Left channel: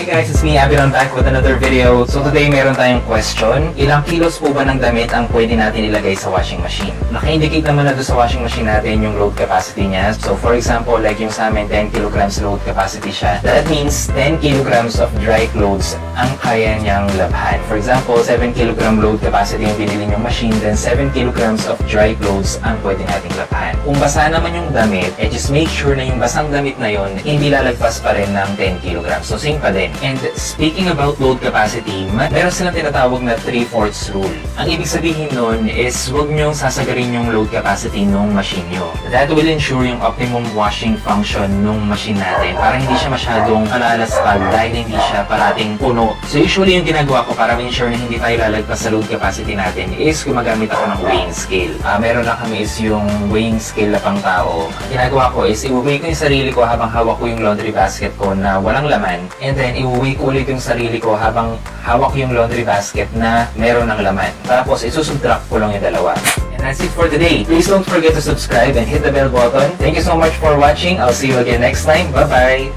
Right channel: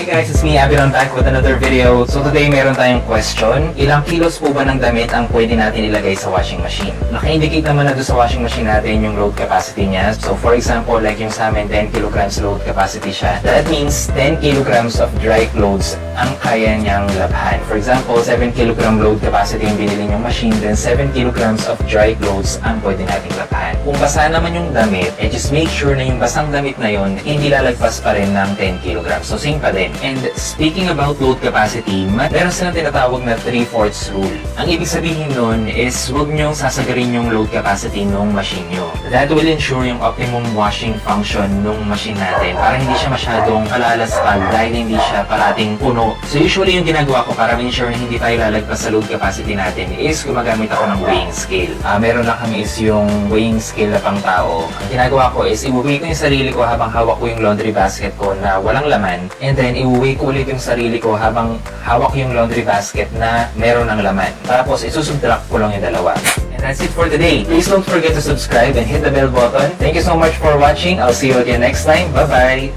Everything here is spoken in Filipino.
Hey guys, it's me, Abby. I'm back with another video. So today meron tayong question. Ilang kilos po ba ng damit ang pwede natin ilagay sa washing machine? Naka-indicate naman na doon sa washing machine natin yung load capacity niya. So for example, like yung sa amin, 10 kilograms load capacity siya. That means 10 kilograms of dry clothes ang kaya niyang labhan. For example, 7 kilogram load capacity yung binili niyong machine, then 7 kilograms of dry clothes ang pwede nating labhan. Kung basa naman yung damit, just make sure na yung basang damit na yun, hindi lalagpas pa rin ng 10 kilograms. So same pa din. And speaking about load capacity, meron silang tinatawag na 3/4 rule. Ang ibig sabihin nun is huwag nyo sasagarin yung load capacity ng machine nyo. That will ensure yung optimum washing function ng machine natin para hindi siya masyadong alalaspag dahil hindi siya parating puno. So usually yung ginagawa ko para ensure na hindi tayo lalagpas sa load capacity natin is gumagamit ako ng weighing scale. Meron na kami is yung weighing scale na pang tao. Ang ginagawa ko is i-weigh ko yung sarili ko habang hawak ko yung laundry basket ko na walang laman. And then, i-weigh ko ulit yung sarili ko habang hawak yung laundry basket na meron ng laman. Tapos, isusubtract ko lang yung dalawa. And that's it for today. Please don't forget to subscribe and hit the bell button. Thank you so much for watching. I'll see you again next time. Bye-bye!